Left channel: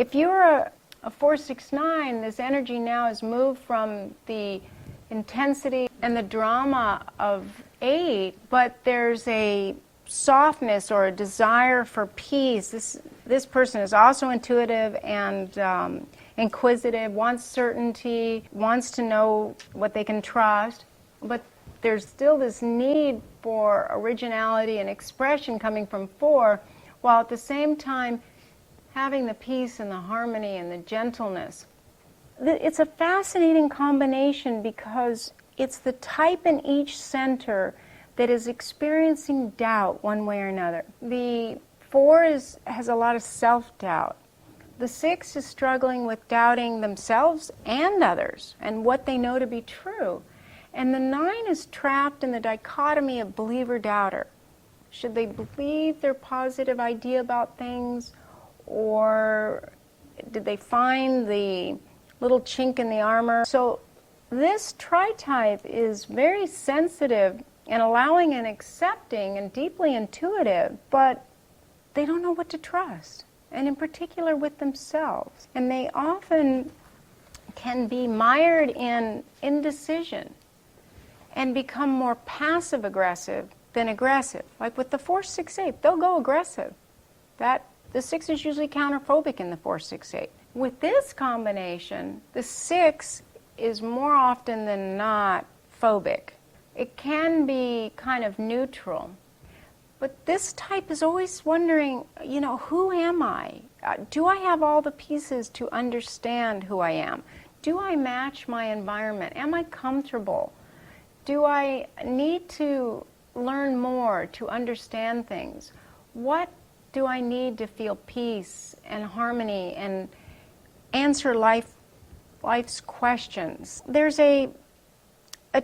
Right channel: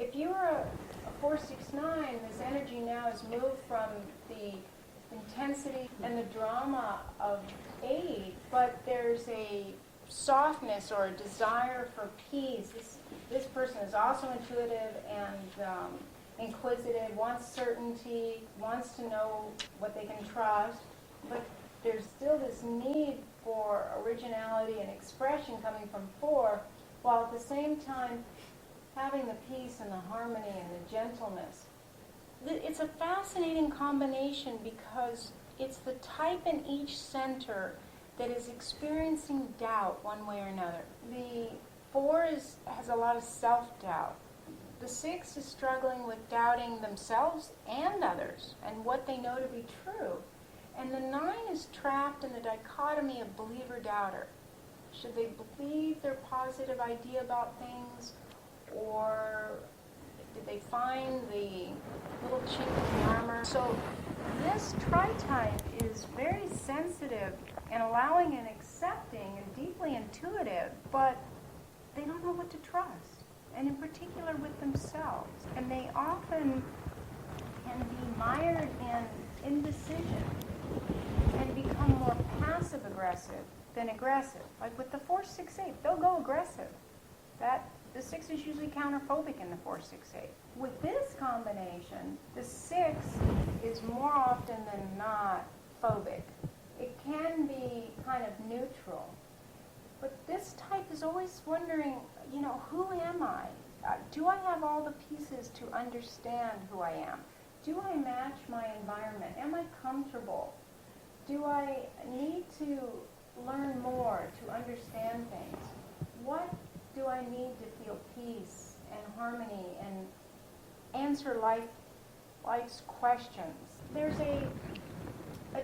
If you're a 469, this energy now has moved from the intensity and the drama of 8, but there's a softness or a desire for peace. This person is also intuitive and inquisitive, wants certainty, wants to know what they can trust, but there's still this need for originality and expression coming from 4, while at the same time having the peace and the harmony and the gentleness. It's a fascinating combination because it's the type in each center that is experiencing doubt one way or another. The 4 has a lot of self-doubt. The 6 is struggling with doubting themselves and others and what they know to be true. And the 9 is trapped in the dichotomy of believer-doubter. Should they believe their positive idea about things, or did they find the little chink in the armor? So this Tritype is very sensitive and allowing and accepting and deeply intuitive, but they don't know what to trust, and in particular with themselves. And they often can be mired in indecision and become more passive-aggressive than aggressive. Like with the 468, they'll go aggressive. The 6 is usually counterphobic in the 468. With this combination, the 6 is more often than not phobic. It can be kind of neutral. But this type is always wondering, who am I? Do I have all the pieces to understand who I am? Do I match my environment? Am I comfortable? Do I need to learn more to understand things? What do I need to feel peace and harmony and answer life's questions? There's a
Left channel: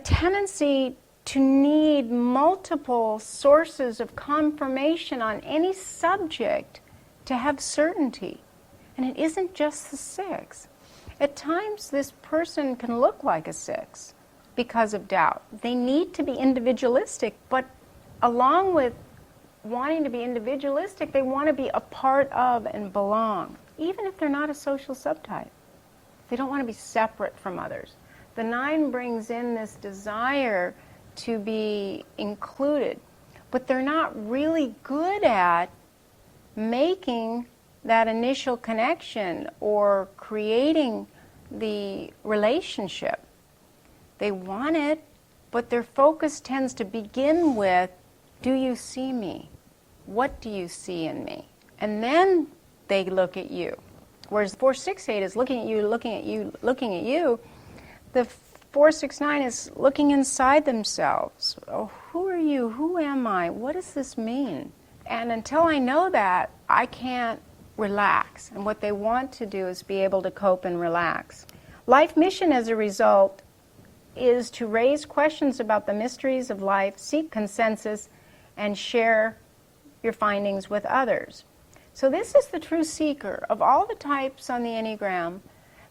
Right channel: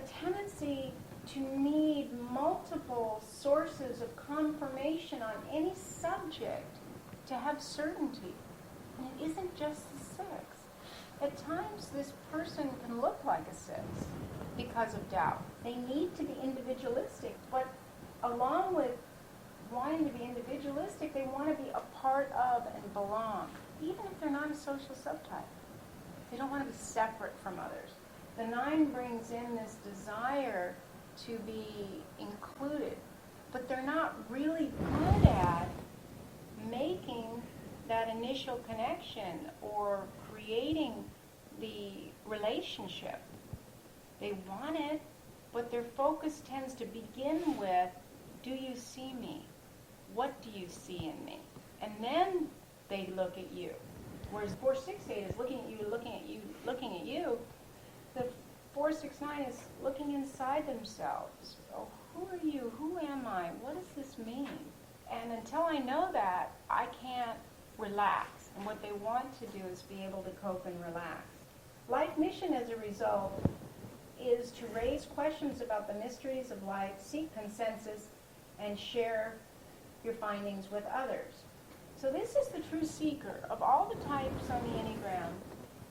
tendency to need multiple sources of confirmation on any subject to have certainty. And it isn't just the 6. At times, this person can look like a 6 because of doubt. They need to be individualistic, but along with wanting to be individualistic, they want to be a part of and belong, even if they're not a social subtype. They don't want to be separate from others. The 9 brings in this desire to be included, but they're not really good at making that initial connection or creating the relationship. They want it, but their focus tends to begin with, do you see me? What do you see in me? And then they look at you. Whereas 468 is looking at you, looking at you, looking at you. The 469 is looking inside themselves. Oh, who are you? Who am I? What does this mean? And until I know that, I can't relax. And what they want to do is be able to cope and relax. Life mission, as a result, is to raise questions about the mysteries of life, seek consensus, and share your findings with others. So this is the true seeker. Of all the types on the Enneagram,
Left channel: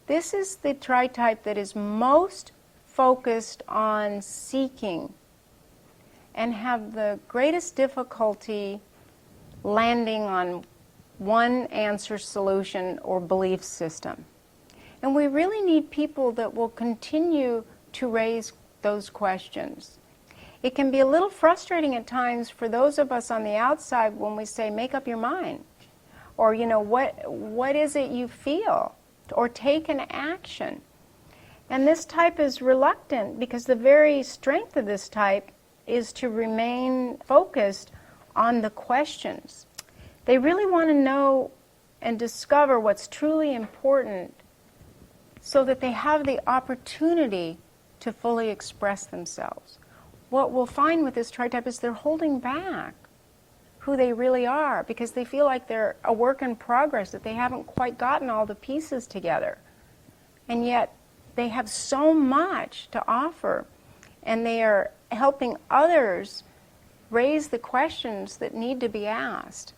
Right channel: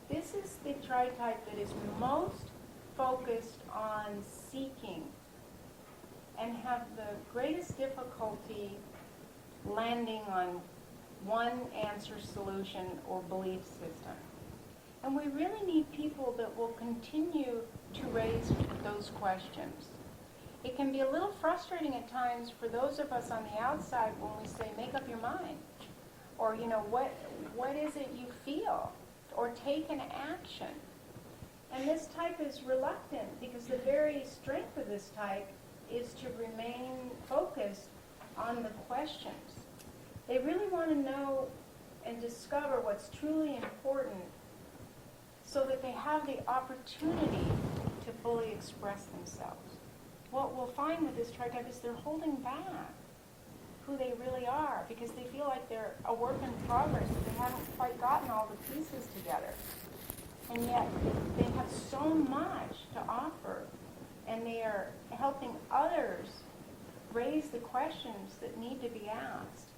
this is the Tritype that is most focused on seeking and have the greatest difficulty landing on one answer, solution, or belief system. And we really need people that will continue to raise those questions. It can be a little frustrating at times for those of us on the outside when we say, make up your mind. Or, what is it you feel? Or take an action. And this type is reluctant because the very strength of this type is to remain focused on the questions. They really want to know and discover what's truly important so that they have the opportunity to fully express themselves. What we'll find with this Tritype is they're holding back who they really are because they feel like they're a work in progress, that they haven't quite gotten all the pieces together. And yet they have so much to offer, and they are helping others raise the questions that need to be asked.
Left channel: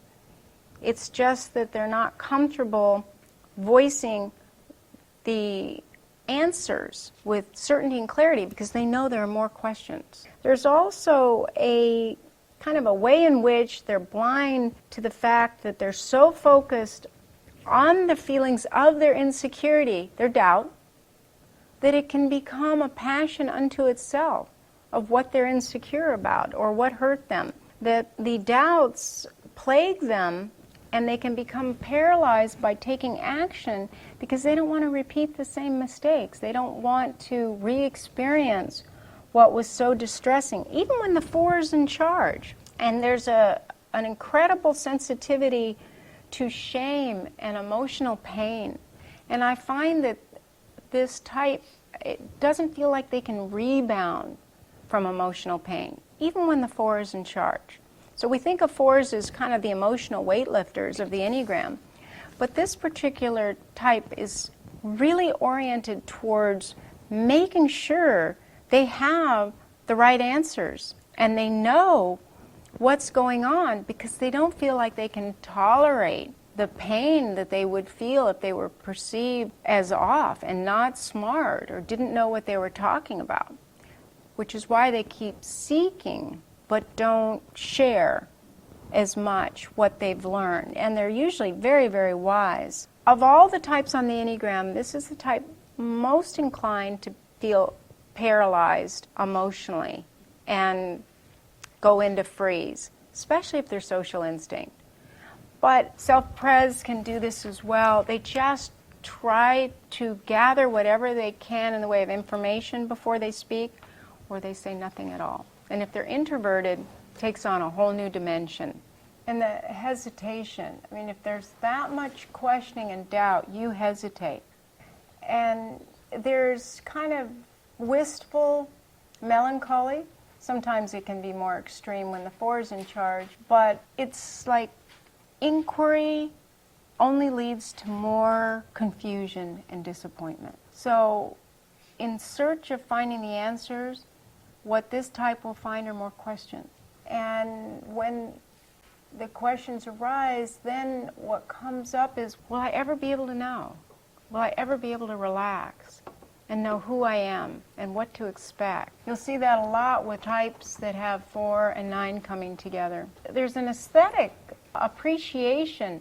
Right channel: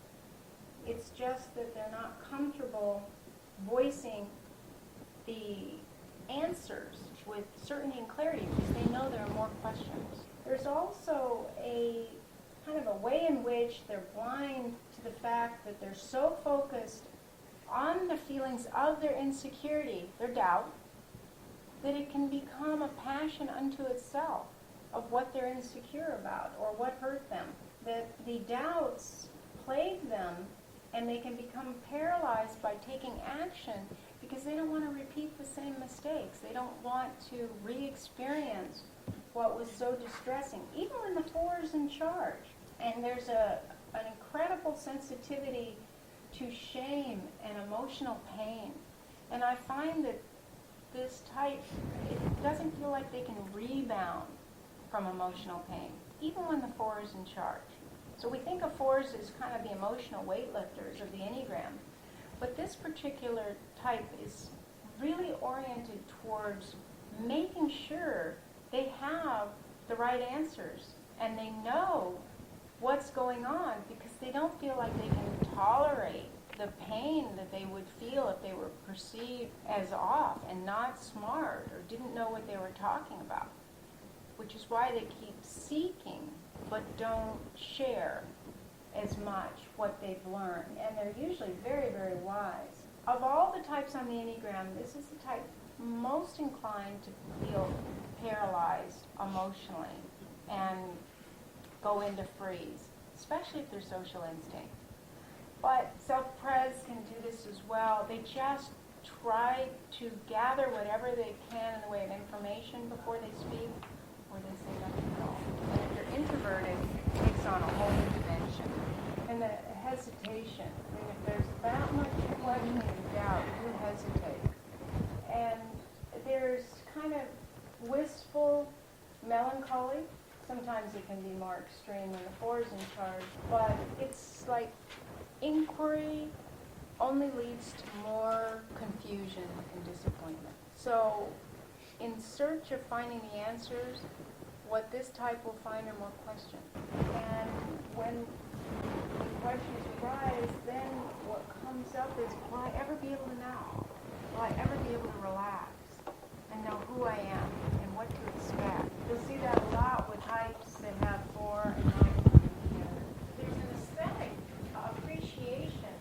It's just that they're not comfortable voicing the answers with certainty and clarity because they know there are more questions. There's also a kind of a way in which they're blind to the fact that they're so focused on the feelings of their insecurity, their doubt, that it can become a passion unto itself of what they're insecure about or what hurt them. That the doubts plague them and they can become paralyzed by taking action because they don't want to repeat the same mistakes. They don't want to re-experience what was so distressing, even when the 4 is in charge. And there's an incredible sensitivity to shame and emotional pain. And I find that this type, it doesn't feel like they can rebound from emotional pain, even when the 4 is in charge. So we think of 4s as kind of the emotional weightlifters of the Enneagram, but this particular type is really oriented towards making sure they have the right answers and they know what's going on because they don't feel like they can tolerate the pain that they would feel if they were perceived as off and not smart or didn't know what they were talking about, which is why they keep seeking but don't share as much what they've learned. And they're usually very, very wise. Of all the types on the Enneagram, this is the type most inclined to feel paralyzed emotionally and go into freeze, especially if they're social instinct. But self-pres can do this as well. They just try to gather whatever they can in the way of information before they speak, or they say nothing at all. And if they're introverted, it takes on a whole new dimension. And the hesitation, I mean, if there's that much questioning and doubt, you hesitate. And there's kind of wistful melancholy. Sometimes it can be more extreme when the 4 is in charge, but it's like inquiry only leads to more confusion and disappointment. So in search of finding the answers, what this type will find are more questions. And when the questions arise, then what comes up is, will I ever be able to know? Will I ever be able to relax and know who I am and what to expect? You'll see that a lot with types that have 4 and 9 coming together. There's an aesthetic appreciation,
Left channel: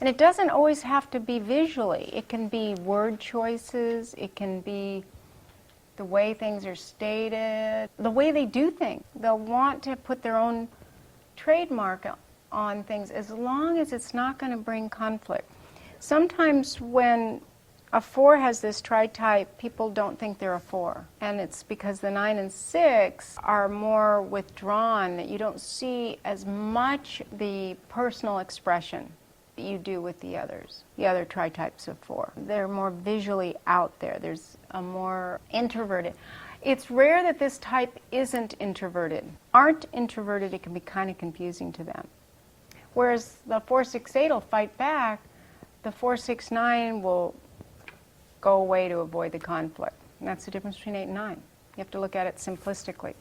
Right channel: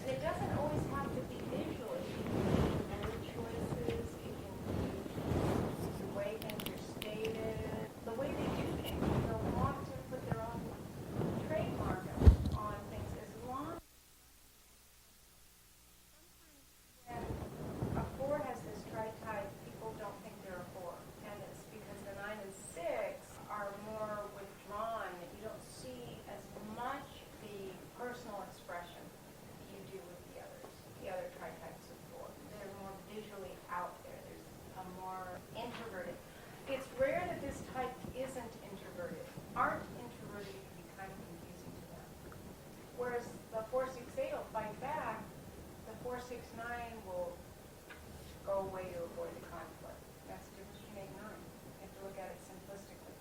and it doesn't always have to be visually. It can be word choices, it can be the way things are stated, the way they do things. They'll want to put their own trademark on things as long as it's not going to bring conflict. Sometimes when a 4 has this tritype, people don't think they're a 4. And it's because the 9 and 6 are more withdrawn, that you don't see as much the personal expression that you do with the others, the other tritypes of 4. They're more visually out there. There's a more introverted. It's rare that this type isn't introverted. Aren't introverted, it can be kind of confusing to them. Whereas the 4-6-8 will fight back, the 4-6-9 will go away to avoid the conflict. And that's the difference between 8 and 9. You have to look at it simplistically.